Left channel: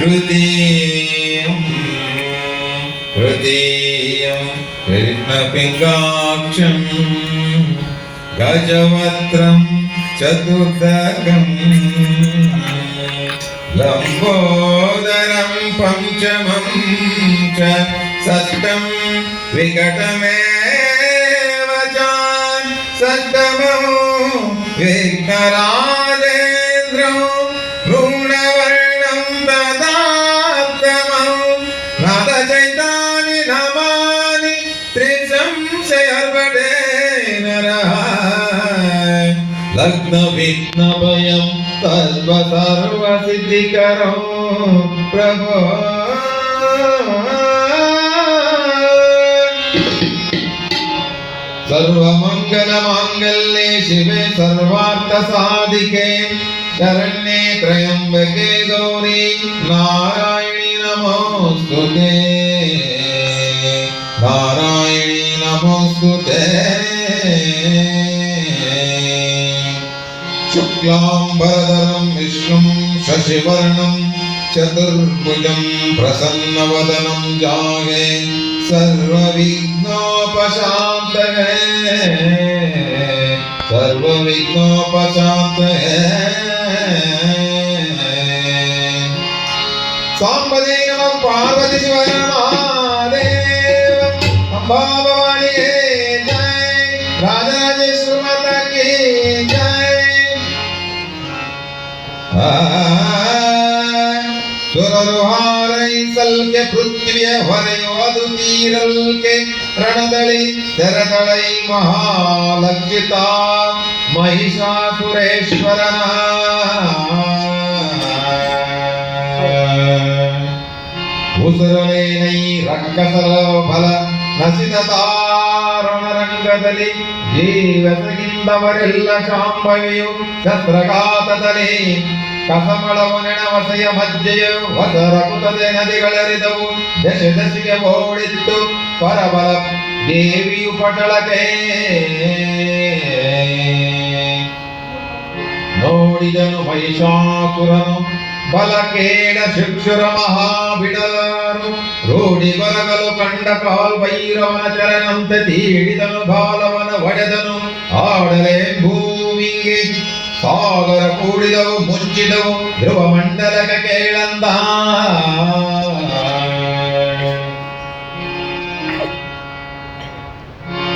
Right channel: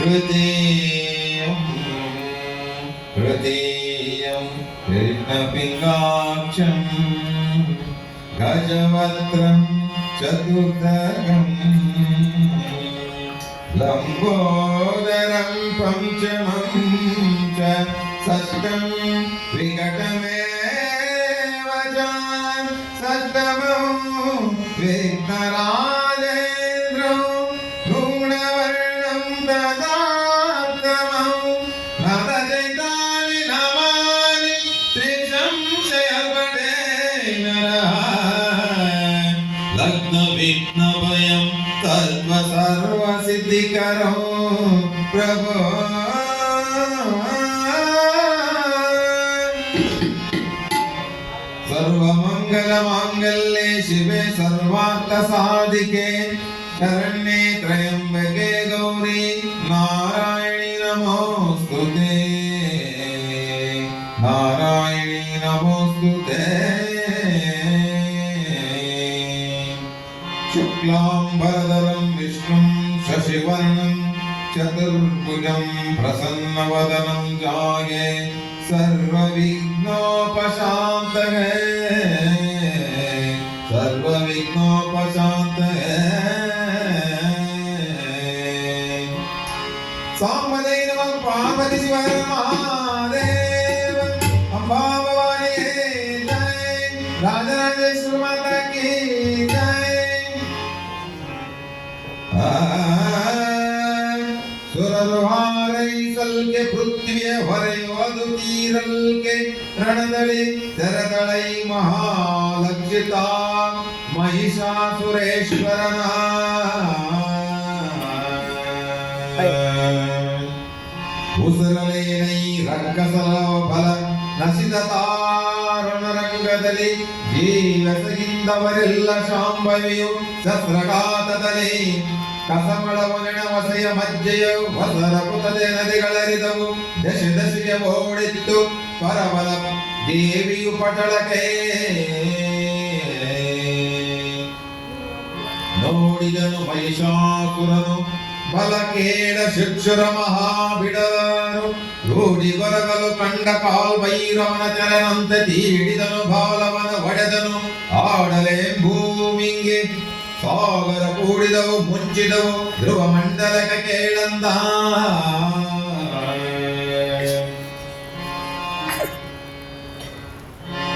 तृतीयं तृतीयं कृष्णपिङ्गाक्षं गजवक्त्रं चतुर्थकम् लम्बोदरं पञ्चमं च च षष्ठमौ लग्नविघ्नभयं तल्व सर्वसिद्धिकरो प्रभो सर्वमङ्गलमाङ्गल्ये शिवे सर्वार्थसाधिके शरण्ये शुक्लाम्बरधरं विष्णुं शशिवर्णं चतुर्भुजं प्रसन्नवदनं जागे सर्वविघ्नोपशान्तये। सर्वविघ्नोपशान्तये। ಸುರರುಹಾರೈ ಸಲ್ಕೆ ಪೃಥ್ವಿಯ ಹೊರೆಯುವುದು ತೀರಲ್ಕೆ ರಣದಳಿ ತೆರದಳೈ ಮಹಾಲಕ್ಷಿತ ಮಹಿಷಾಸುರೇಶ್ವರನ ಉಸರಲೇನೈ ರಕ್ಕಸಲ ಫಲ ನಸಿದ ತಾರುಣ ರಂಗದಲ್ಲಿ ಜೀವಸಗಿಂದವರೆಲ್ಲ ಶಾಂಭವಿಯು ಶಸ್ತ್ರಘಾತದಲ್ಲಿ ಕಸಮಳವು ನೆಣವಸೆಯ ಮಧ್ಯೆಯು ಹೊಸ ರಕುತದೆ ನದಿಗಳರಿದವು. ದಶ ದಶಿಗೆ ಓಡಿತ್ತು ಪರಬಲ ದೇವಿಯು ಪಟಳಕೆ ನೋಡಿದನು ಮಹಿಷಾಸುರನು, ಬಲಕೇಡ ಶಿಕ್ಷುರ ಮಹಾಬಿಡಾರು. ರೂಢಿ ಬರಗಲು ಕಂಡ ಕಾಲ್ ಭೈರವನ ಚರಣಂತೆ ತೀಡಿದನು ಬಾಲವನ ಸಾಗರ ಕೂಡಿದವು ಮುಚ್ಚಿದವು ಧ್ರುವ ಮಂಡಲಕ ಕೇಳಂದ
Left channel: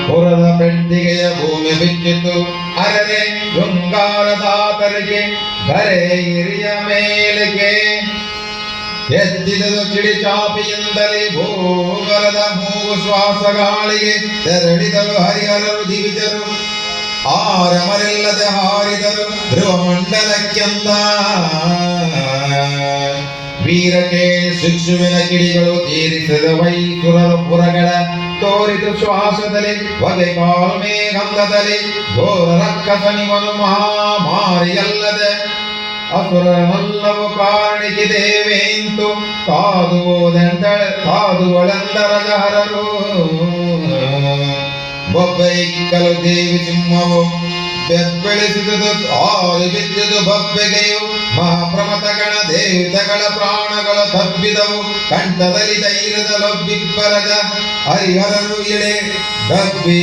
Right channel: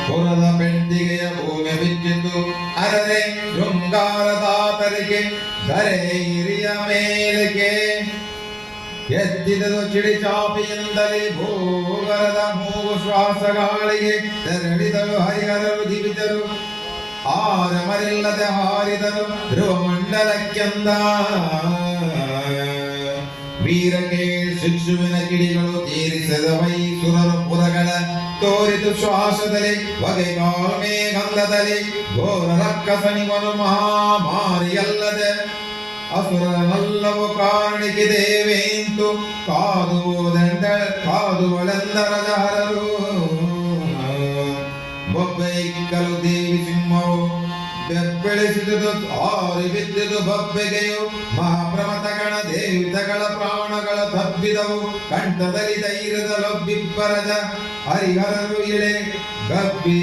ಪುರದ ಪೆಂಡಿಗೆಯ ಭೂಮಿ ಬಿಚ್ಚಿತು ಅರರೆ ಶೃಂಗಾರದಾತರಿಗೆ ಬರೆ ಹಿರಿಯ ಮೇಲೆಗೆ ಎದ್ದಿದನು ಚಿಡಿ ಚಾಪಿಯಿಂದಲೇ ಭೂಗರದ ಮೂಗು ಶ್ವಾಸ ಗಾಳಿಗೆ ತೆರಳಿದಳು ಹರಿಹರರು ದಿವಿಜರು ಆರಮರಿಲ್ಲದೆ ಹಾರಿದರು ಧ್ರುವ ಮಂಡಲಕ್ಕೆಂದ ವೀರಕ್ಕೆ ಶಿಕ್ಷುವಿನ ಕಿಡಿಗಳು ತೀರಿಸಿದ ವೈಸುರರು ಪುರಗಳ ತೋರಿತು ಶ್ವಾಸದಲ್ಲಿ ಒಲೆ ಕಾಲ್ಮೇ ಗಂಧದಲ್ಲಿ ಘೋರ ರಕ್ಕಸನಿವನು ಮಹಾಮಾರಿಯಲ್ಲದೆ. ಅಸುರನಲ್ಲವು ಕಾರಣಿಗೆ ದೇವೇಂತು ಕಾದುವುದೆಂದ ಕಾದುವಳೆಂದರ ಜಹರರು. ಬೊಬ್ಬೈಕ್ಕಲು ದೇವಿ ಸಿಂಹವು ಬೆಬ್ಬೆಳಿಸಿದುದು ಆರಿ ಬಿದ್ದುದು ಬಬ್ಬೆಗೆಯು ಮಹಾಪ್ರಮತಗಳ ದೇವತೆಗಳ ಪ್ರಾಣಗಳ ತಬ್ಬಿದವು. ಕಂಠದಲ್ಲಿ ಧೈರ್ಯದ ಲೊಬ್ಬಿಬ್ಬರದ ಹರಿಹರರು ಇಳೆ ಗಬ್ಬಿ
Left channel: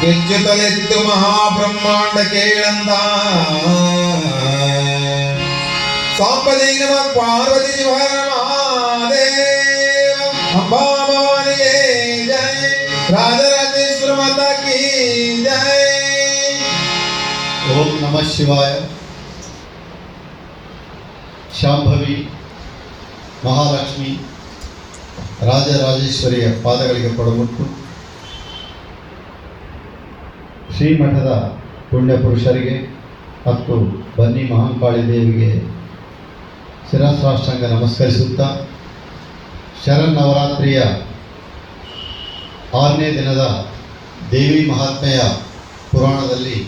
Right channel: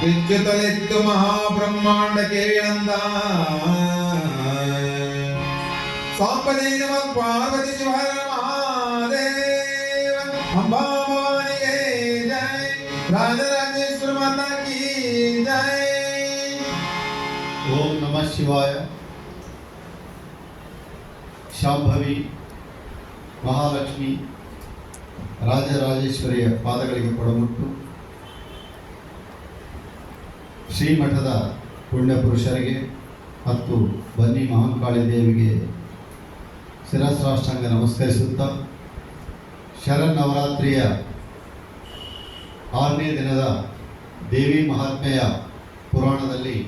ಬೆಚ್ಚುತ್ತಲೆತ್ತು ಮಹಾಬ್ರಹ್ಮಾಂಡ ಕೇಳಂದ. ಸಾಂಬದೇ ನಮ ಪಾರ್ವತಿ ಶಿವಹರ ಶಿವಾಯ ಶಾಂಭವಿ ಮಹಾಲಕ್ಷ್ಮಿ ರಾಜರಾಜೇಶ್ವರಿಯ ಪಾದಗಳಿಗೆ ಕೊಡಮುಟ್ಟು ಶ್ರೀಮಠದ ಪುಣ್ಯಪುರುಷರಿಗೆ ಮತ್ತು ಬನ್ನಿ ಮಹಾಂಕಾಳಿ ದೇವಿಗೆ ಶಿರಸ್ರಾಷ್ಟಾಂಗ ನಮಸ್ಕರಿಸುತ್ತಾ ಶರನ್ನವರಾತ್ರಿಯ ಆರನೇ ದಿನದ ದೇವಿ ಮಹಾತ್ಮೆಯ ಪುರಾಣದಲ್ಲಿ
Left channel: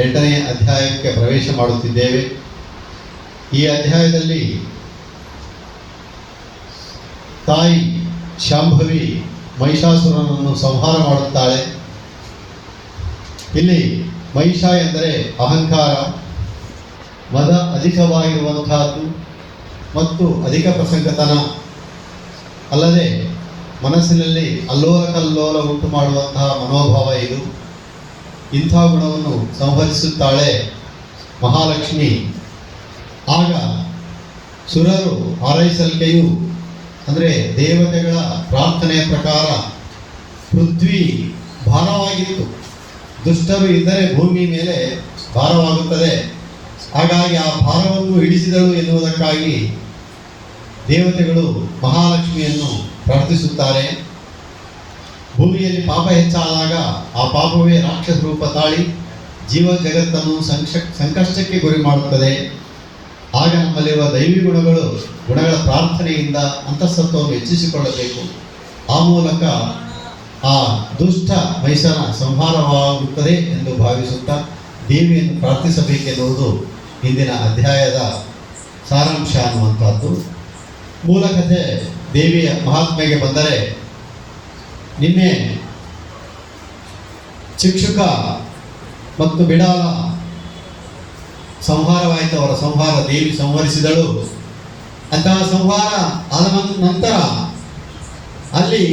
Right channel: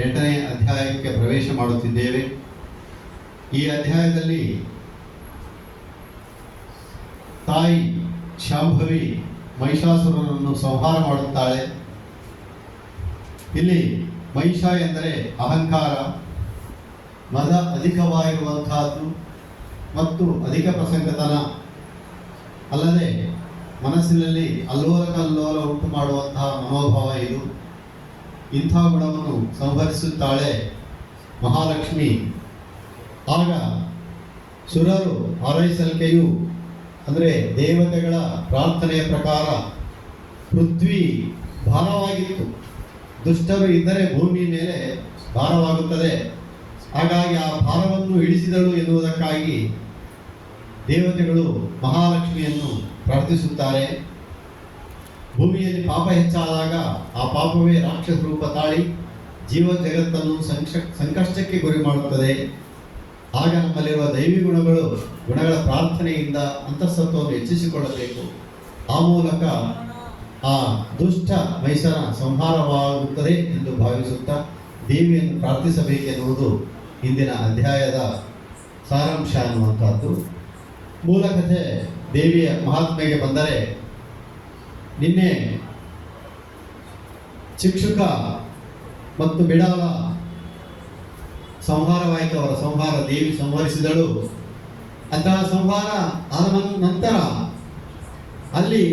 ಎಂಟನೇ ಅಧ್ಯಾಯಕ್ಕೆ ಪ್ರವೇಶ ಮಾಡುತ್ತಿದ್ದೇವೆ. ಈ ಅಧ್ಯಾಯದಲ್ಲಿ ತಾಯಿ ಶಾಂಭವಿ ಮಹಿಷಾಸುರನನ್ನು ಸಂಹಾರ ಮಾಡುತ್ತಾಳೆ. ಇಲ್ಲಿ ಮಹಿಷ ಎಂದರೆ ಅಹಂಕಾರ, ಮದ ಅಧಿಕವಾಗಿರುವಂತಹದ್ದು ಮತ್ತು ಅಧಿಕ ಪ್ರಸಂಗತನ. ಅಲ್ಲದೆ ಮನಸ್ಸಿನಲ್ಲಿ ಅಲ್ಲೋಲ ಕಲ್ಲೋಲ ಉಂಟು ಮಾಡುವಂತಹ ಮನೋಭಾವ ಇದು. ಇಂಥ ಗುಣವನ್ನು ಸಂಹರಿಸುತ್ತಾಳೆ ಮಹಾಲಕ್ಷ್ಮಿ. ಆಗ ಸುರರು ಹಾರೈಸಲ್ಕೆಯು ಅಂದರೆ ದೇವತೆಗಳ ಪ್ರಾರ್ಥನೆಯ ಪ್ರಕಾರ ಪೃಥ್ವಿ ಭಾರವಾಗಿತ್ತು. ದುಷ್ಟರು ಇದ್ದರೆ ಭೂಮಿ ಮೇಲೆ ಭಾರವಾಗುತ್ತದೆ. ಹಾಗಾಗಿ ಆ ಭಾರವನ್ನು ಇಳಿಸಿದಳು ಎನ್ನುವುದಕ್ಕಾಗಿ ದೇವತೆಗಳು ಮಹಾಲಕ್ಷ್ಮಿಯನ್ನು ಪ್ರಾರ್ಥಿಸುತ್ತಾರೆ. ಭೂಮಿಯಲ್ಲಿ ಪಾಪ ಹೆಚ್ಚಾದಾಗ ಆ ಪಾಪವೇ ರಾಕ್ಷಸ ರೂಪ ತಾಳಿ ಜೀವ ಜಗತ್ತನ್ನು ಸಂಕ್ಷ, ಸಂಕಷ್ಟಕ್ಕೆ ಗುರಿ ಮಾಡುತ್ತದೆ. ಆಗ ನಮ್ಮಲ್ಲಿರುವ ದೈವಿ ಗುಣಗಳು, ಗುಣಗಳ ಪ್ರಾರ್ಥನೆಯಿಂದ ಅಂತಸ್ತತ್ವವನ್ನು ಹೆಚ್ಚಿಸಿಕೊಳ್ಳಬೇಕು. ಆ ಮೂಲಕ ಆ ದುಷ್ಟ ಮೈಸನ ಸಂಹಾರವಾಗುತ್ತದೆ ಎಂದು ಭಾವಿಸುತ್ತಾ ದೇವಿಯನ್ನು ಪ್ರಾರ್ಥಿಸಬೇಕೆನ್ನುವುದು ಇಂದಿನ ಅಧ್ಯಾಯದ ಸಾರಾಂಶ ಅನ್ನುವಂಥದ್ದು. ಮೂಲಕತೆ ದೇವಿಯ ಮಹಾತ್ಮೆಗೆ ಬಂದರೆ ನಿನ್ನೆ ಶಿಕ್ಷಕ ಮತ್ತು ಬಿಡಾಲ ಸಂಹಾರವಾಯಿತು, ಅವರ ಸಂಹಾರ ದೇವಿ ಸಂಹರಿಸಿದಳು. ಅಂತಹ ಸಂಹಾರ ಆದ ನಂತರ ಅಲ್ಲಿ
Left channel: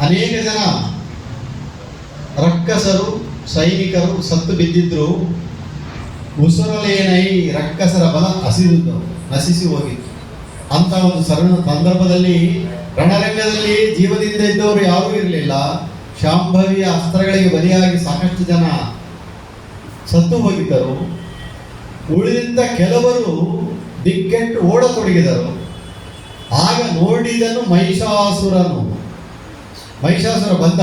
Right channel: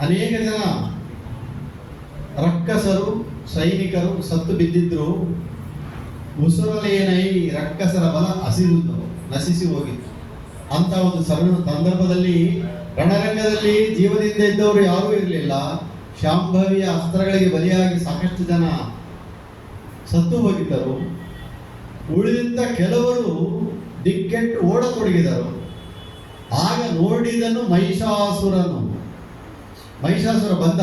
ಅನೇಕ ಜನ ರಕ್ಕಸರು, ಸೈನಿಕರು ಸತ್ತು ಬಿದ್ದಿದ್ರು. ಉಸುರಲೇನೈ ರಕ್ಕಸರ ಬಲ ಹಸಿದು ನಶಿಸಿ ಹೋಗಿತ್ತು. ಅಂತ ಒಂದು ಸರಣ ಸಂದರ್ಭದಲ್ಲಿ ರಣರಂಗದಲ್ಲಿ ಜೀವದಿಂದ ಇದ್ದವರು ಯಾರೂ ಇರಲಿಲ್ಲ. ಶಾಂಭವಿಯ ಅಸ್ತ್ರಗಳಿಗೆ ಬಲಿಯಾಗಿ ಸಾಕಷ್ಟು ಜನ ಸತ್ತು ಹೋಗಿದ್ದರು. ಉಳಿದಿದ್ದ ಕೆಲವರು ದಿಕ್ಕೆಟ್ಟು ಓಡತೊಡಗಿದರು. ಆಗ ನೋಡಿದನು ಮಹಿಷಾಸುರನು. ಮಹಿಷಾಸುರ ಬಂದ.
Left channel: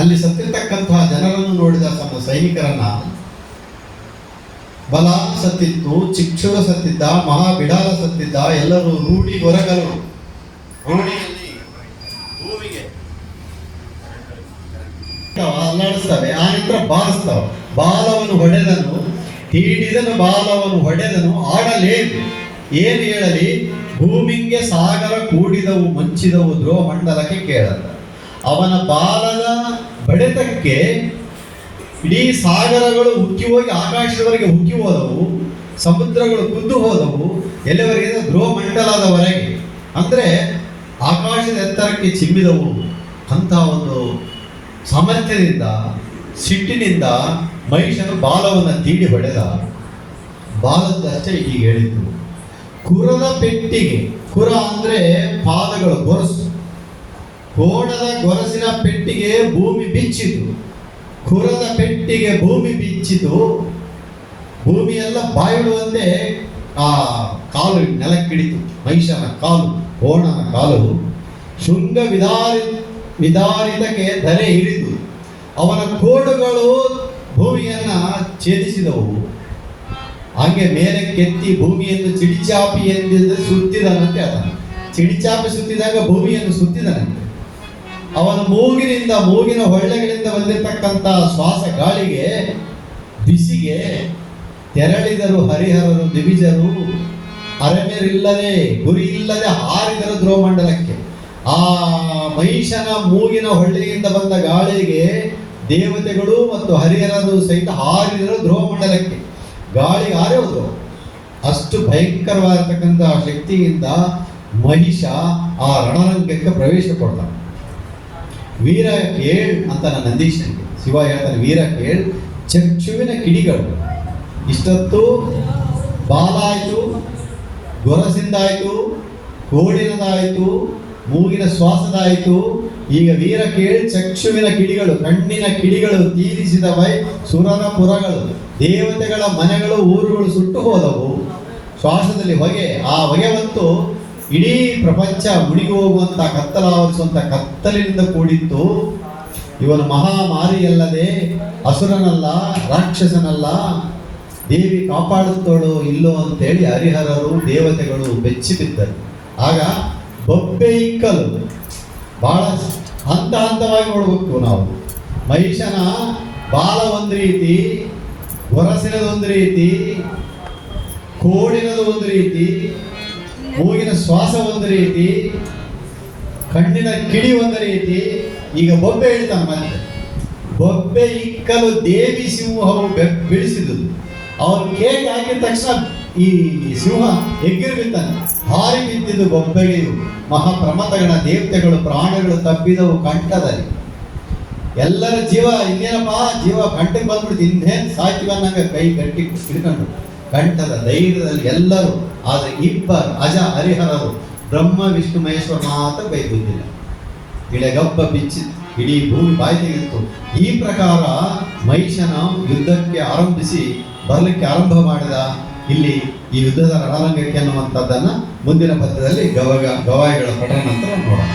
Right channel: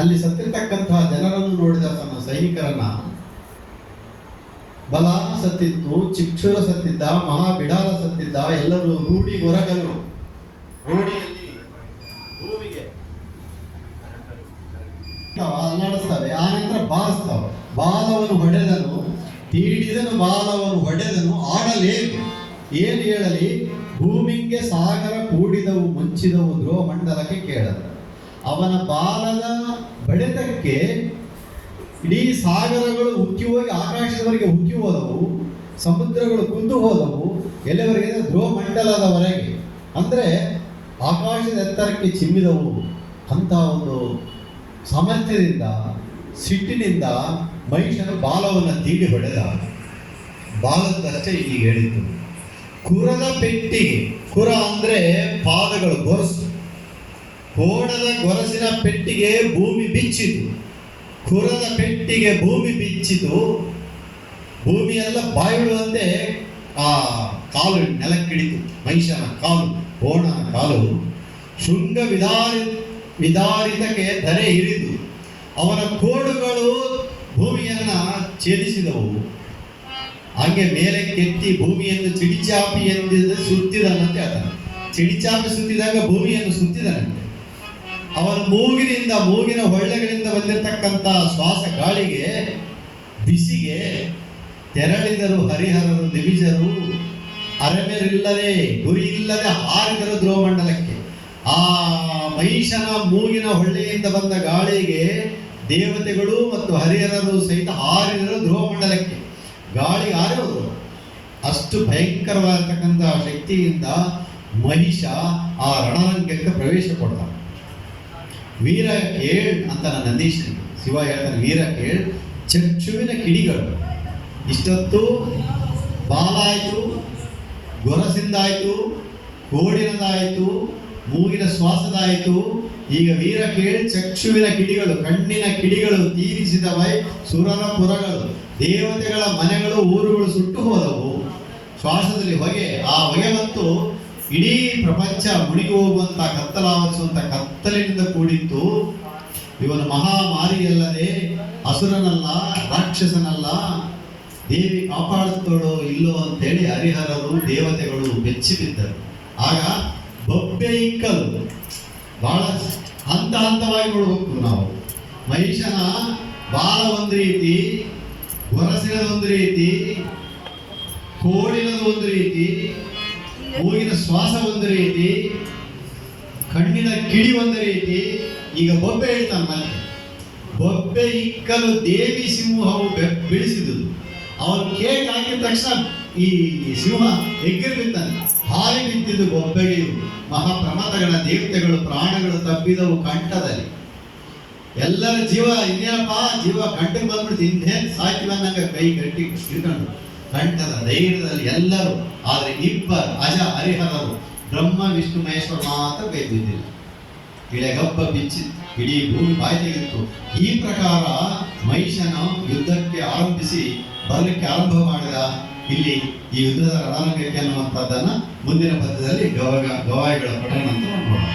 ಅಲ್ಲಿ ಸತ್ತಿರ್ತಕ್ಕಂತಹ ಜನರನ್ನು ನೋಡಿದ ತನ್ನ ಸೈನಿಕರನ್ನ. ಬಲ ಸತ್ತಿತ್ತು, ಚಿಕ್ಷುರ ಸತ್ತಿದ್ದ ಮಹಾಬಿಡಾಲ ಸತ್ತಿದ್ದ, ಎಲ್ಲರೂ ರೂಢಿ ಗೊರಗರು ರೂಢಿಯಲ್ಲಿ ಭೂಮಿಗೆ ಅಲ್ಲಾಡಿಸ್ತವೆ ಆ ನಂತರ ಬಾರಿಸ್ತವೆ. ಬಾಲವನ್ನು ಹೊಡೆದನು ಹೀಡಿದನು ಬಾಲವನ್ನು ಹೊಡೆದನು ಆಡಲೇನು ಏನು ಹೇಳಲಿ? ಭೂಮಿಗೆ ಸಾಗರ ಕೂಡಿದವು, ಮಂಚಿದವು ಧ್ರುವ ಮಂಡಲಕ್ಕೆ ಕೇಳದ. ಅವನ ಬಾಲದ ಬಡೆತಕ್ಕೆ ಇಡೀ ಸಾಗರಗಳು ಹುಕ್ಕಿ ಹೋಗಿ, ಆಕಾಶದವರೆಗೆ ಹುಕ್ಕಿ ಹೋದವು, ಸಮುದ್ರಗಳು ಕುದ್ದು ಹೋದವು ಎಲ್ಲಿವರೆಗೆ ಅಂದ್ರೆ ಧ್ರುವ ಮಂಡಲದವರೆಗೆ ಅಂದ್ರೆ ಆಕಾಶದ ಎತ್ತರಕ್ಕೆ ಚಿಮ್ಮಿದವು ಅಂತ ಒಂದು ಸಾಮರ್ಥ್ಯದಿಂದ ಸಿಟ್ಟಿನಿಂದ ಮಹಿಷನು ಬಾಲವನ್ನು ತೀಡಿ ಹೊಡೆದ. ಬಾಲದಷ್ಟೇ ಈಗ ಹೇಳಿದ್ದು. ಕುರದ ಪೆಟ್ಟಿಗೆ, ಕುರ ಅಂದ್ರೆ ಪಾದಗಳು ಗೊರಸು. ಕೋಣದ ಗೊರಸಿನ ಪೆಟ್ಟಿಗೆ ಭೂಮಿ ಬಿಚ್ಚಿತು ಕುರದ ಪೆಟ್ಟಿಗೆ ಭೂಮಿ ಬಿಚ್ಚಿತು ಭೂಮಿಯೆಲ್ಲ ಬಾಯಿಡುವಂತೆ ಆ ಕಾಲು ನೆಲಕ್ಕಿಡಿತು ಮಹಿಷನ ಕಾಲು, ಕೋಣನ ಕಾಲು. ಶೃಂಗ ವಿದಾರಿ ವಿದಾರಿತಕ್ಕೆ ಧರೆ ಹಿಡಿದು ಅವನ ಕೋಡುಗಳು ಭೂಮಿಯನ್ನ ಛೇದಿಸಿದವು. ಹಾಗೆ ಮೇಲೆ ಕೆತ್ತಿ ಭೂಮಿಯನ್ನು ಚಿಡಿಚಾಪಿ ಎಂದಿದ್ದು ಸುತ್ತಿದನಂತೆ ಆತ ಚಿಡಿಚಾಪಿ ಸುತ್ತಿದಾಗ ಭೂಮಿಯನ್ನು ಸುತ್ತಿದನಂತೆ. ಅವನ ಮೂಗಿನಿಂದ, ಮೂಗಿನ ಹೊಳ್ಳೆಗಳಿಂದ ಬಂದಿರತಕ್ಕಂಥ ಶ್ವಾಸ ಗಾಳಿಗೆ, ಬಿಸಿಗೆ ತೆರಳಿದರು ಹರಿಹರರು, ದಿವಿಜರು. ಅರಮೇರಿಲ್ಲದೆ ಗುರಿ ಇಲ್ಲದೆ ಹಾರಿದರು ಧ್ರುವಮಂಡಲಕ್ಕೆ ಆ ಮಹಿಷನ ಮೂಗಿನ ಹೊಳ್ಳೆಯಿಂದ ಬಂದ ಗಾಳಿಗೆ ದೇವತೆಗಳು ಮತ್ತು ಹರಿಹರರು ಸಹಿತ ಹಾರಿದರು ಧ್ರುವಮಂಡಲಕ್ಕೆ. ಗಾಳಿ ಹಾರಿ ಅಷ್ಟು ಭಯಂಕರವಾಗಿರ್ತಕ್ಕಂತಹ ಶಕ್ತಿಯಿಂದ ಮಹಿಷ ಆ ರಣರಂಗಕ್ಕೆ ಪ್ರವೇಶ ಕೊಡ್ತ ವೀರ ಕೇಳ್ ಅಂತ ನನ್ನ ನಂದೀಶನಿಗೆ ಶಿವ ಹೇಳ್ತಾನೆ, ವೀರ ಕೇಳ್, ಚಕ್ಷುವಿನ ಕಿಡಿಗಳು. ಇಷ್ಟೊತ್ತು ಬಾಲ ಆಯಿತು ಗೊರಸಿಂದಾಯಿತು, ಕೋಡಿನದಾಯಿತು ಮೂಗಿನ ಶ್ವಾಸದಾಯಿತು. ಈಗ ವೀರ ಕೇಳಿ ಚಕ್ಷುವಿನ ಕಿಡಿಗಳು, ಕಣ್ಣಿನ ಕಿಡಿಗಳು ತೀರಿಸಿದವೈ ಸುರನ ಪುರಗಳು ದೇವತೆಗಳ ಮನೆಗಳು ಊರುಗಳು ಸುಟ್ಟು ಹೋದವು. ಶ್ವಾಸದಲ್ಲಿ ಹೊಗೆ, ಆ ಹೊಗೆ ಮತ್ತು ಇಡೀ ಪ್ರಪಂಚ ಮುಡಿಗೆ ಹೋಗುವಂತ ಕತ್ತಲಾವರಿಸುವಂತ ಕತ್ತಲಿನಿಂದ ಕೂಡಿತ್ತು. ಇವನು ಮಹಾಮಾರಿಯಲ್ಲದೆ ಅಸುರನಲ್ಲ, ರಾಕ್ಷಸನಲ್ಲ. ದೇವಿ ಕಾಪಾಡುತ್ತೋಳು ಇಲ್ಲೋ ಅಂತೇಳಿ ಹರಿಹರರು ದೇವತೆಗಳು ಬೆಚ್ಚಿ ಬಿದ್ದರು ಆಗ ಬೊಬ್ಬೆ ಇಕ್ಕಲು ಬಹಳ ಹಂತ ಹಂತವಾಗಿ ನೋಡಬೇಕು ನಾವು. ಮಹಿಷನ ಬಾಲ ಒಂದು ರೀತಿ ಗೊರಸಿನದು ಒಂದು ರೀತಿ, ಕೋಡಿನದು ಒಂದು ರೀತಿ, ಮೂಗಿನ ಶ್ವಾಸ ಒಂದು ರೀತಿ, ಕಣ್ಣಿನ ಕಿಡಿ ಒಂದು ರೀತಿ. ಈಗ ಬೊಬ್ಬೆ ಹೇಳ್ತಾನೆ ಮತ್ತೆ. ಬೊಬ್ಬೆ ಇಕ್ಕಲು ದೇವಿ ಸಿಂಹವು ಬೆ- ಅವ್ರು ಕೇಕ್ ಹಾಕಿದ ತಕ್ಷಣ ಈ ಸಿಂಹ ಎಗ್ಗಿರು ಬಿದ್ದಾನೆ ಹಾರಿ ಬಿದ್ದಿದ್ದು ಬೊಬ್ಬೆಗೆಯು ಮಹಾಪ್ರಮತಗಳ ದೇವತೆಗಳು ಪ್ರಾಣಗಳು ತಬ್ಬಿದವು ಕಂಠದಲ್ಲಿ. ಎಲ್ಲರ ಜೀವ ಇನ್ನೇನಪ್ಪ? ಜೀವ ಕಂಠಕ್ಕೆ ಬಂದ್ಬಿಡ್ತು. ಇನ್ನೇನು ಸಾಕಿ ಬಂದಂಗೆ ಕೈ ಗಟ್ಟಿ ಹಿಡ್ಕೊಂಡು. ಕಂಠದ ಧೈರ್ಯದಲ್ಲಿ ಎಲ್ಲರೂ, ಆದರೆ ಇಬ್ಬರು ಅಜ ಹರಿಹರರು ಬ್ರಹ್ಮ, ವಿಷ್ಣು, ಮಹೇಶ್ವರ ಮಾತ್ರ ಕೈ ಬಿದ್ದಿಲ್ಲ. ಇಳೆಗಬ್ಬ ಬಿಚ್ಚಿ ಇಡೀ ಭೂಮಿ ಬಾಯಿ ತೆಗೆದಿತ್ತು. ಈ ಪ್ರಕಾರ ಮಹಿಷನ ಯುದ್ಧಕ್ಕೆ ಆರಂಭಿಸಿ ಬರಲಿಕ್ಕೆ ಆರಂಭ ಮಾಡಿದ ಇಲ್ಲಿ ಈ ಯುದ್ಧದ ರಣರಂಗಕ್ಕೆ ಅನ್ನುವಂಥದ್ದನ್ನು ಮುಂದಿನ ಪದ್ಯದಲ್ಲಿ ಗವಗ ಗವಾಯಿಗಳ ಪಠಣ ನಂತರ ನೋಡೋಣ.